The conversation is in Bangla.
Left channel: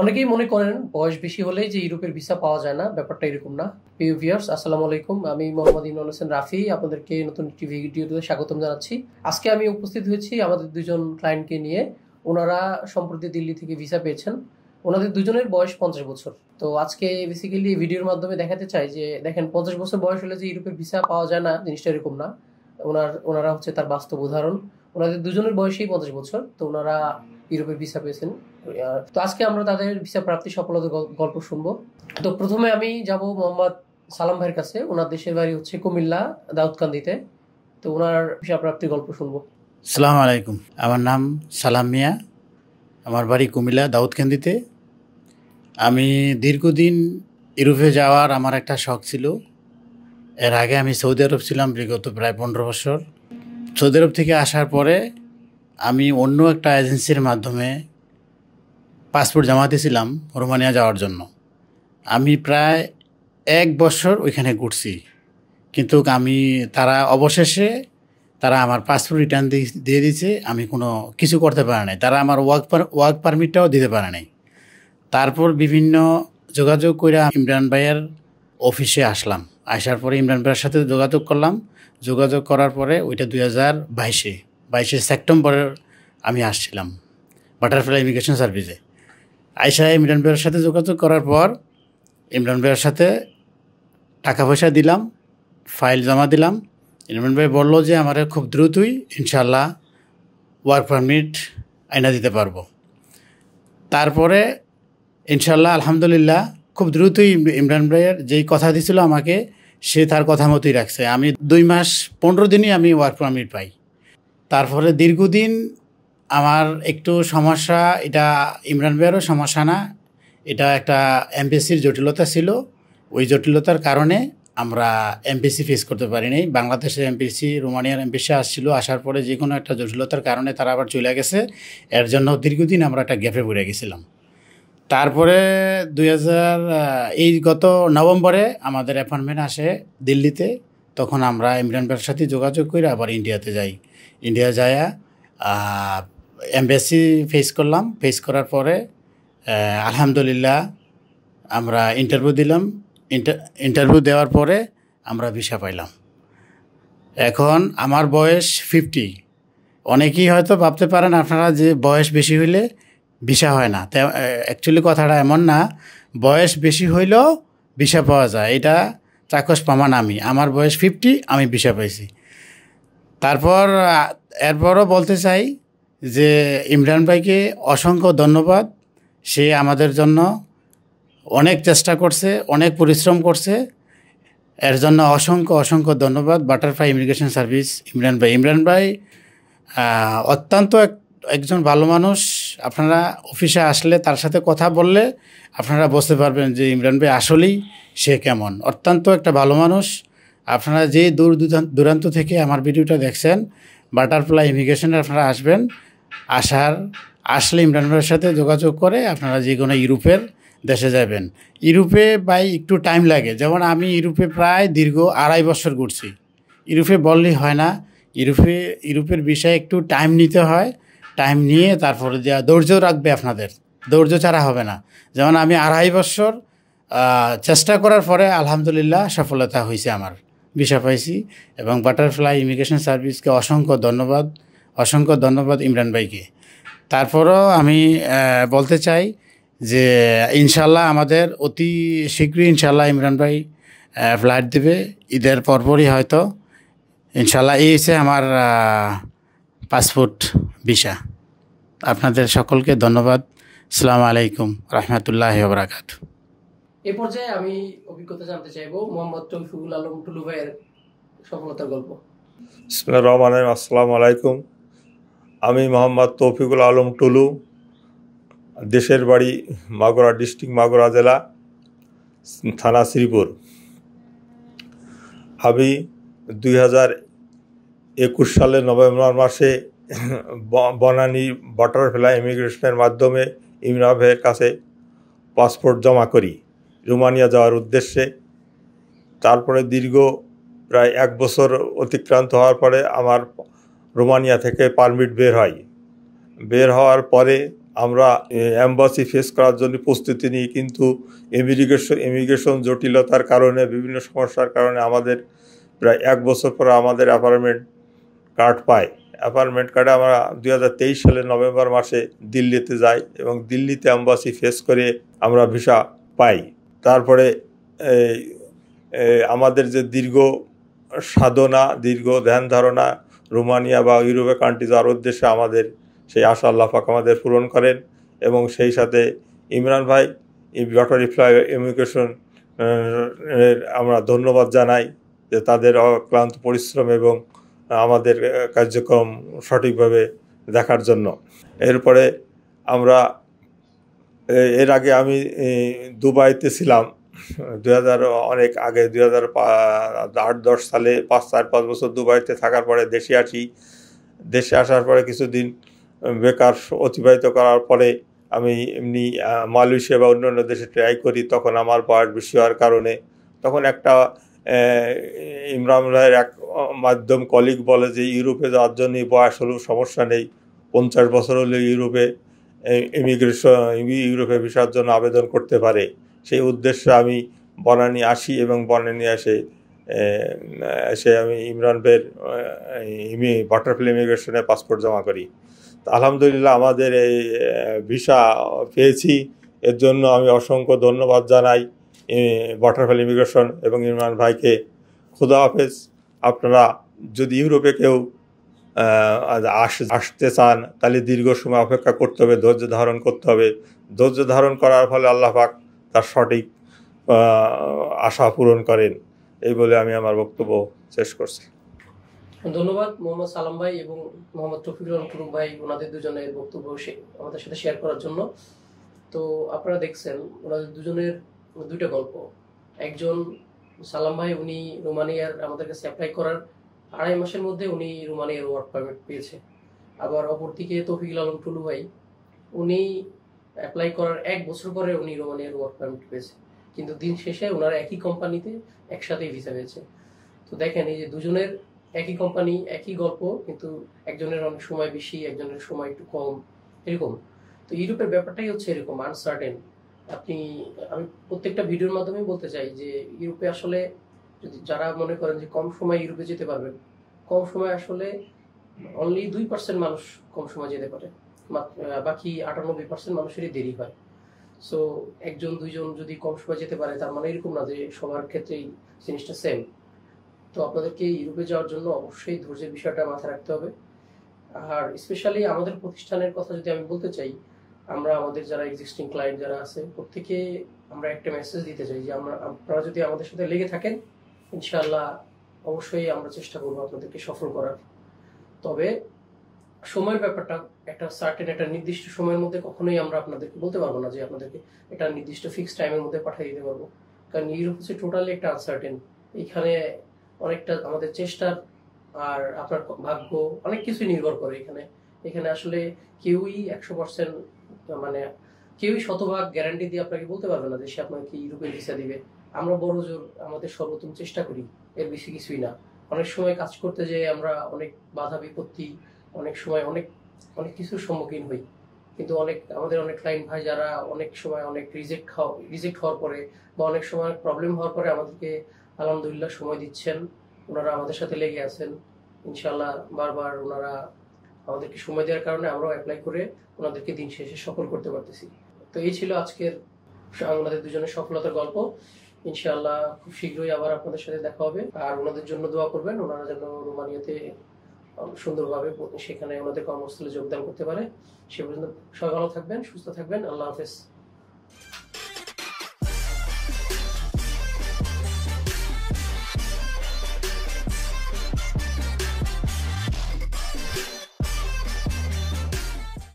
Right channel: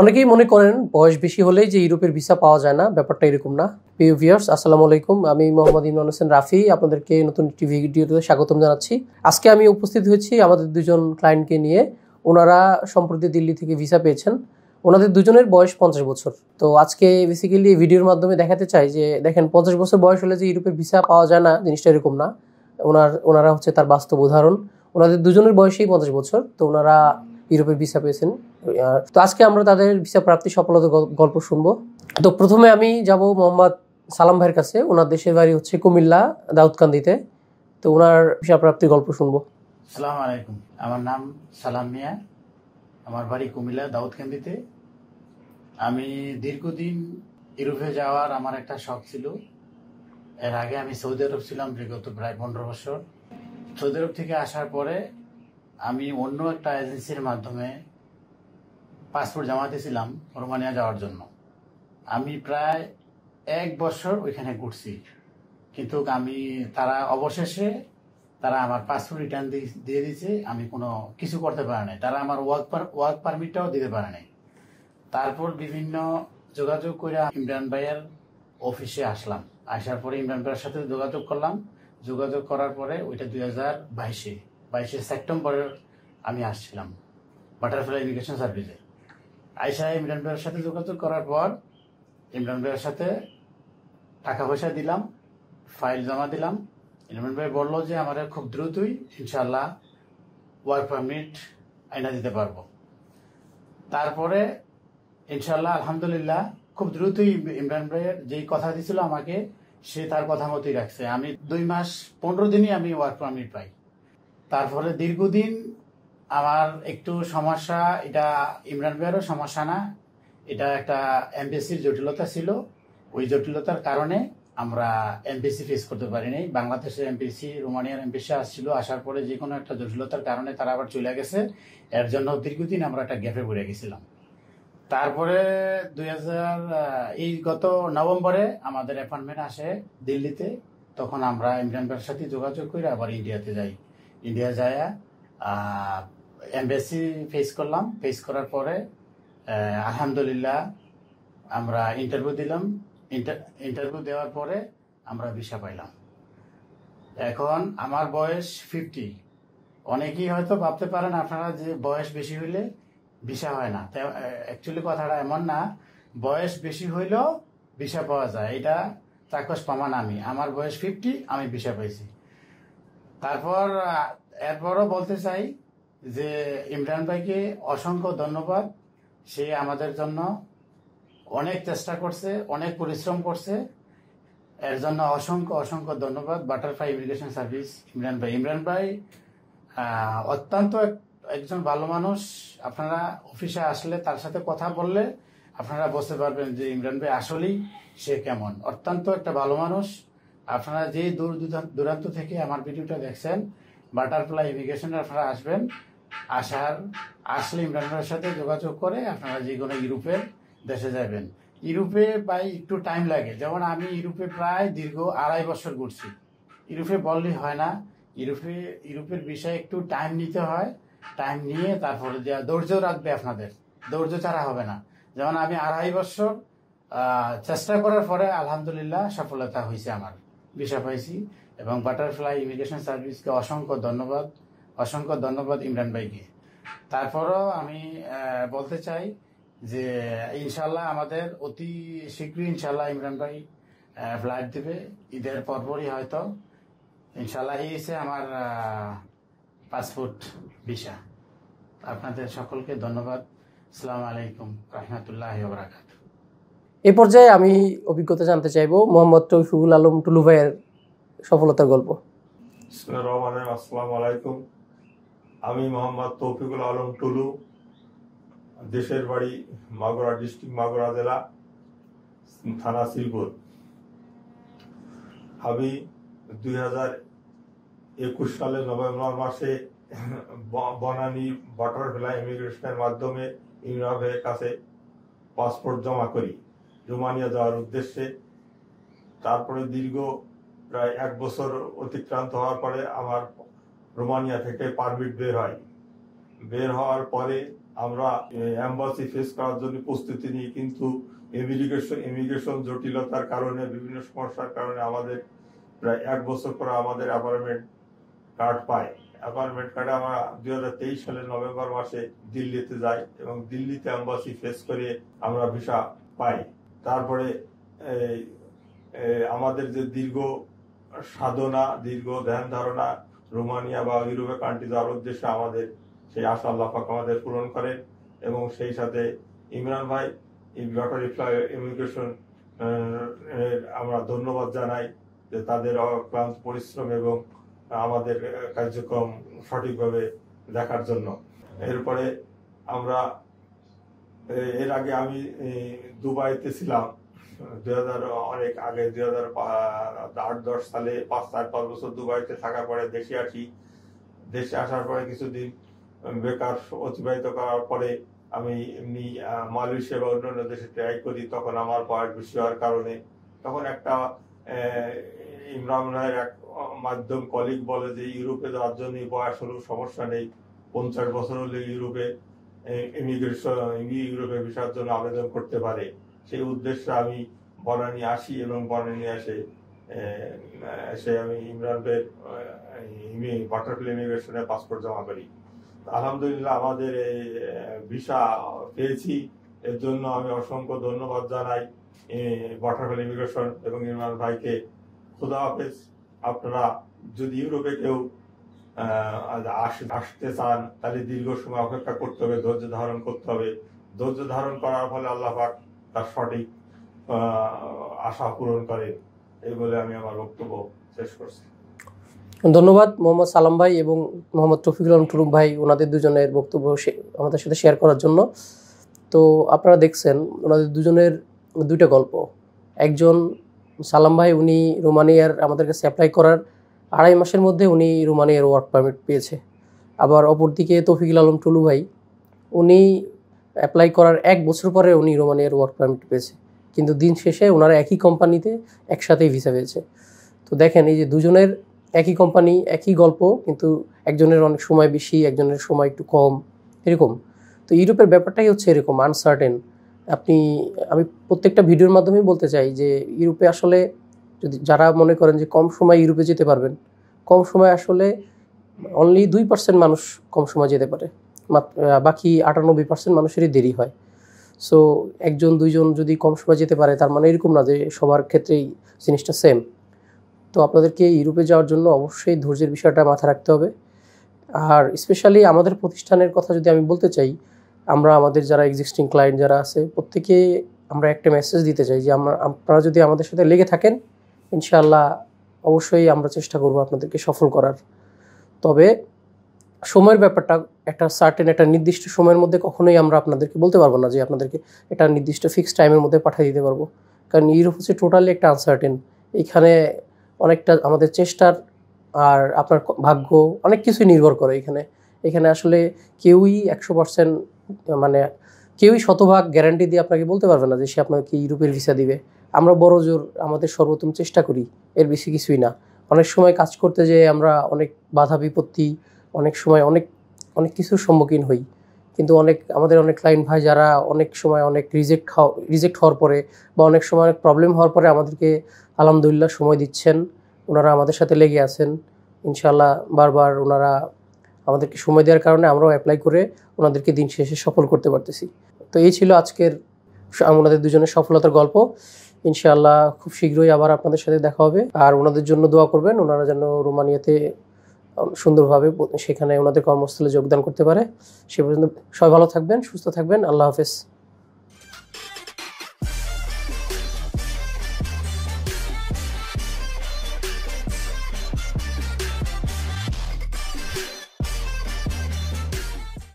অনেকেই মনে করেন বয়স বেশি হলেই যে ইউরোপের ভিসা পাওয়া যায় না, ব্যাপারটা এরকম না। প্রিয় ভিউয়ার্স, আসসালামু আলাইকুম। আমি মোহাম্মদ ইমরান হোসেন রাফি আপনাদেরকে নতুন একটি ভিডিওতে স্বাগতম জানাচ্ছি। আজকে আমি উপস্থিত হয়েছি আমাদের দুজন ক্লায়েন্টকে নিয়ে। ওনারা সম্প্রতি দিল্লি থেকে ভিসা পেয়েছেন। ওনাদের দুজনের বয়স 50 বছর। তো আজকে বেসিক্যালি এই ভিডিওর মাধ্যমে দেখাতে চাই যে দেখেন 50 বছর বয়স হলে যে ইউরোপের ভিসা পাওয়া যায় না, জিনিসটা এরকম না। ওনারা হচ্ছে তার বাস্তব উদাহরণ। ওনাদের দুজনের বয়সই 50 বছর, তো ওনারা ইউরোপের ভিসা পেয়েছেন। তো আজকে আমরা তাদের ভিসা প্রাপ্তি সফলতার গল্প শুনবো। তো প্রথমে আমি যাব মোহাম্মদ সালাম ভাইয়ের কাছে। ওনার দেশের বাড়ি হচ্ছে কুমিল্লা, দাউদকান্দিতে। তো ওনার ভিসা প্রাপ্তির গল্প শুনবো। আসসালামু আলাইকুম। আমার নাম সালাম মিয়া, আমার বাড়ি কুমিল্লা, দাউদকান্দিতে। আমি দীর্ঘদিন ইউরোপে যাওয়ার আমার একটা শখ ছিল। এর আগে আমি সৌদি আরব ছিলাম বিগত প্রায় 15 বছর। সৌদি আরব থেকে আসার পরে আমি অন্য একটা এজেন্সির মাধ্যমে পাসপোর্ট জমা দিয়েছিলাম রোমানিয়া যাওয়ার জন্য। আমি প্রায় 1 বছর ওইখানে ঘুরছি, কিন্তু অবশেষে তারা আমার পাসপোর্ট রিটার্ন দিয়ে দিয়েছে। আমি কোনো কিছু করতে পারি নাই, তারা আমার ওয়ার্ক পারমিটটাও দিতে পারে নাই। তারপর বিভিন্ন যোগাযোগ করে ইমরান ভাইয়ের অফিসে আসলাম। আসার পরে ইমরান ভাইয়ের সাথে যোগাযোগ করলাম। যোগাযোগ করার পরে ওইটা 2022 সেপ্টেম্বরের আমি আসছিলাম বাটারফ্লাই ইমিগ্রেশন সার্ভিসে। আয়সা ইমরান ভাইয়ের সাথে যোগাযোগ করার পর ইমরান ভাইয়ের সাথে টাকা পয়সা দিলাম, ফাইল জমা দিলাম। ইমরান ভাই বললো যে আমার খুব দ্রুতই ইনশাল্লাহ ওয়ার্ক পারমিট আইনা দিতে পারবো। তারপরে ইনশাল্লাহ আলহামদুলিল্লাহ খুব দ্রুতই ইমরান ভাইয়ের যেই কথা দিয়েছিল আমাকে, সে তার কথা মতোই রাখছে। আমি 2 মাস 15 দিনই আমি ওয়ার্ক পারমিট পাই। তারপরে দীর্ঘদিন আমার একটু সমস্যা, এটা ইমরান ভাইয়েরও সমস্যা না, এটা একটা এমবেসির জটিলতা ছিল। ওই জটিলতার কারণে আমরা এমবেসি ফেস করতে পারি নাই। বাংলাদেশের এমবেসি, রোমানিয়ার এমবেসি আসছিল, আসার পরে যে কোনো একটা জটিলতার কারণে তারা আবার চলে গেছে। এর জন্য দীর্ঘদিন আমরা একটা গ্যাপে পড়ে গেছিলাম। তারপরে এই গত নভেম্বরে আমাদের অ্যাপয়েন্টমেন্ট আসে দিল্লিতে। তখন আমরা ইমরান ভাইয়ের সাথে যোগাযোগ করে আবার ইন্ডিয়াতে যাই। ইন্ডিয়া যায়া এমবেসি ফেস করলাম। ফেস করার পরে আলহামদুলিল্লাহ আমরা ইন্টারভিউ দিলাম। ইন্টারভিউ দেওয়ার পরে আমরা ভিসা পাইলাম। এখন আমার বয়স 50। অনেকেই হয়তো ভাবতে পারেন আপনারা যে বয়স বেশি হইলে ভিসা হয় না। অ্যাকচুয়ালি কথাটা এমন না, বয়স বেশি হইলেও ভিসা পাওয়া যায়, এটা চাক্ষুষ প্রমাণ। আমার বয়স 50, আমি ভিসা পাইছি। তারপর এরপরও বলতে চাই যে ইমরান ভাইকে অসংখ্য ধন্যবাদ। সে আমাদের জন্য অনেক চেষ্টা করছে, অনেক পরিশ্রম করছে। এর জন্য অসংখ্য ধন্যবাদ বাটারফ্লাই ইমিগ্রেশন সার্ভিস ইমরান ভাই অত্যন্ত একজন ভালো মানুষ। আপনারা অফিসে আসলে তার সাথে কথা বললে আপনারা বুঝতে পারবেন যে ইমরান ভাই আসলেই সে কেমন। অত্যন্ত একটা ভালো মানুষ। আপনারা যে দূরান্ত থেকে আমার ভিডিওটা দেখছেন, বাটারফ্লাই ইমিগ্রেশনে আপনারা আসলে ইমরান ভাইয়ের সাথে যোগাযোগ করে আপনারা যে কোনো ইউরোপের দেশে যাবেন। ইউরোপে ভাই একটু টাইম লাগে। যেমন আমি ইউরোপে প্রায় দীর্ঘ 2.5 বছর ঘুরছি। ইউরোপে বললেই হয় না, ইউরোপের বিষয়ে একটু টাইম নিতে হয়। টাইম নিয়ে তারপরে ধৈর্য রাখবে আপনাদের, ধৈর্য ছাড়া হবে না। যেমন আমি 2.5 বছর চেষ্টা করার পরে আলহামদুলিল্লাহ সফলতা হয়েছে, আমার ভিসা পাইছি। এবং বাটারফ্লাই ইমিগ্রেশন সার্ভিসকে অসংখ্য ধন্যবাদ ইমরান ভাইকে। তারপরও আমি বলতে চাই যে ইনশাল্লাহ আমাদের অতি শীঘ্রই ইনশাল্লাহ ইমরান ভাই ফ্লাইট দেবে, ঈদের পরপরই হয়তো ইনশাল্লাহ। এই হচ্ছে আমার পাসপোর্ট ভিসা। আপনাদের সকলকে ধন্যবাদ। আসসালামু আলাইকুম রহমতুল্লাহি ওয়া বারাকাতুহু। এই পর্যায়ে আমি অভিজ্ঞতা জানতে চাইবো মোহাম্মদ তৌফিকুল আলম টুলু ভাইয়ের সফলতার গল্প। বিসমিল্লাহির রহমানির রহিম। আসসালামু আলাইকুম। আমি মোহাম্মদ তৌফিকুল আলম টুলু, দেশের বাড়ি মাগুরা ডিস্ট্রিক্ট, মাগুরা জেলা, থানা শ্রীপুর। আমি 2021 সালের নভেম্বর মাসে বনানী বাটারফ্লাই ইমিগ্রেশনের মাধ্যমে ইমরান ভাইয়ের কাছে পাসপোর্ট জমা করি রোমানিয়া যাওয়ার উদ্দেশ্যে। তারপরে দীর্ঘ প্রায় 1 বছর অতিক্রান্ত হওয়ার পরে আমার রোমানিয়া থেকে পারমিট বের হয়। বের হওয়ার পরে আমরা এম্বাসি ফেস করার জন্য প্রস্তুতি নিই, কিন্তু ইমিগ্রেশন জটিলতার কারণে, বিভিন্ন সমস্যার কারণে আমাদের প্রায় 1 বছর পরে আমাদের অ্যাপয়েন্টমেন্ট কার্ড পাই। অ্যাপয়েন্টমেন্ট কার্ডে আমরা 2023 সালের নভেম্বর মাসে দিল্লিতে যাই এবং দিল্লিতে এম্বাসি ফেস করে আমরা ভিসা পাই। তারপরে আমাদের যে দীর্ঘ সাধনা, দীর্ঘ ধ্যান ধারণা, রোমানিয়া বা ইউরোপের কান্ট্রি যাওয়ার উদ্দেশ্যে আমাদের সেই আশা আল্লাহ পাক আমাদের পূরণ করেন। এবং সেই সাথে ইমরান ভাই বাটারফ্লাই ইমিগ্রেশন আমরা ধন্যবাদ জানাই যে তাদের অক্লান্ত পরিশ্রম এবং আমাদের কার্যক্রম সঠিকভাবে দেখার জন্য। এরপরে আমরা এর আগে আমি দুবাইতে ছিলাম অনেক আগে 2008-10 সালে 4-5 বছর দুবাইতে থাকার পরে দেশে আসার পরে কিছুদিন বেকার অতিবাহিত করার পরে আমি এমনি মালয়েশিয়া বা অন্যান্য দেশে ট্রাই করি। তখন আমার বয়স বেশি হওয়ার কারণে তখন একটা ইমরান ভাইয়ের এক মাধ্যম কলিগ বলে যে ইউরোপে যাওয়ার জন্য বয়স হলেও সমস্যা নেই, 50 বছর হলে ইউরোপে ইউরোপে ভিসার জন্য আবেদন করতে পারে। সেই উদ্দেশ্যে আমি বনানী আসি এবং বনানী এসে আমি ইমরান ভাইয়ের বাটারফ্লাই ইমিগ্রেশনে পাসপোর্ট জমা করি। আলহামদুলিল্লাহ আমাদের এই ভিসা পেয়েছি, এর জন্য আমি অসংখ্য ধন্যবাদ জানাই বাটারফ্লাই ইমিগ্রেশন এবং ইমরান ভাইকে। খুদা হাফেজ। আপনারা যদি ইউরোপে কেউ আসতে চান তাহলে দীর্ঘ সময় অপেক্ষা করতে হবে, ধৈর্য ধারণ করতে হবে। ধৈর্য ধারণ করার ফলে আল্লাহ পাক তার সঠিক আশা পূরণ করেন। এই বলে আমি আমার বক্তব্য শেষ করছি। ধন্যবাদ মোহাম্মদ সালাম ভাই এবং মোহাম্মদ রফিকুল আলম টুরুম ভাই, ওনাদের দুজনের বক্তব্য আমাদের সাথে শেয়ার করার জন্য। তো আপনারা দেখছেন ওনাদের দুজনের দুইটা গল্প। একজন সালাম ভাই, উনি রোমানিয়ার আমাদের কাছে অ্যাপ্লাই করার 2.5 মাসের মধ্যে উনি রোমানিয়ার ওয়ার্ক পারমিট পেয়েছে। আবার অপরদিকে তৌফিকুল আলম টুলু ভাই, উনি অ্যাপ্লাই করার 1 বছর পরে উনি রোমানিয়ার ওয়ার্ক পারমিট পেয়েছে, কিন্তু দিন শেষে ওনারা একই কোম্পানিতে একসাথেই ভিসা পেয়েছে। তো দেখেন এই যে দুজনের একই কোম্পানি, একই গল্প, কিন্তু একজনের অনেক সময় বেশি, একজনের সময় একটু কম, এরকম। তো ইউরোপের ব্যাপারটাই হচ্ছে এরকম আনসার্টেন। আমি প্রত্যেকটা ভিডিওর মাধ্যমে বলতে চাই যে ইউরোপে আসলে যদি যারা মনে করেন যে কম সময় ইউরোপে যেতে পারবেন, কম সময় আসলে অনলি 2% মানুষ কম সময় যেতে পারে, বাকি 98% মানুষেরই দেরি হয়। সো 1-2 জন যদি কম সময় যেতে পারে তার মানে এরকম না যে সবার ক্ষেত্রেই জিনিসটা সেম। তো আপনাদেরকে ইউরোপে যাওয়ার জন্য অবশ্যই ধৈর্যের বিষয়টা মাথায় রাখতে হবে। আর স্পেশালি আমাদের প্রতিষ্ঠানের কথা যদি আমি বলতে চাই, আমরা আমাদের যারা এক্সিস্টিং ক্লায়েন্ট যারা আছে প্রত্যেকে আমরা একটা মেসেজ দিতে চাই যে আপনারা যদি আমাদের সাথে লেগে থাকেন, ইনশাআল্লাহ অবশ্যই আমরা চেষ্টা করব আপনাদেরকে সফল করার। তবে সময়ের ব্যাপারটা একটা নির্দিষ্ট সময়ের মধ্যে কখনোই আমরা আপনাদেরকে বলতে পারবো না যে আপনাদেরকে একটা নির্দিষ্ট ফিক্সড টাইমের মধ্যে পাঠিয়ে দিতে পারবো, কারণ ইউরোপ হচ্ছে টোটালি একটা আনসার্টেন। এখানে অনেকটা আমাদের চেষ্টার আর আপনার ভাগ্য অনেক কিছুই নির্ভর করে। এখানে আসলে কেউই 100% মানে কেউই শতভাগ গ্যারান্টি দিয়ে আপনাকে বলতে পারবে না যে সে আপনাকে ইউরোপের ভিসা দিবে। আমরা বড় জোর আমাদের সর্বোত্তম চেষ্টা করি, এর বেশি কিছুই না। অনেক সময় কাজ করতে যেয়ে আমরা অনেক বাধা বিপত্তি, অনেক সময় অনেক কিছুর সম্মুখীন হই, কিন্তু আমাদের অনেক ক্লায়েন্ট ভাই যারা অনেক সময় অনেক রিজেক্ট হওয়ার পরে বা অনেক সময় অনেক প্রবলেম হওয়ার পরে আমাদেরকে আলহামদুলিল্লাহ সময় দিচ্ছেন, ওনারা আমাদের সাথে লেগে আছেন। ইনশাআল্লাহ বারবার ওনারা আমাদেরকে সময় দেওয়ার কারণে আমরাও অ্যাপ্লাই করে ওনাদেরকে দিন শেষে সফল করতে পারতেছি। তো এই ছিল আজকের ওনাদের দুজনের সফলতার গল্প। ইনশাআল্লাহ খুব শীঘ্রই আবার আপনাদের সাথে দেখা হবে। আর ওনাদের জন্য দোয়া করবেন, ওনারা যেন রোমানিয়াতে সুন্দরভাবে সেখানে ওনাদের কর্মস্থলে যোগদান করতে পারে। সে পর্যন্ত সবাই ভালো থাকবেন, সুস্থ থাকবেন। আল্লাহ হাফেজ।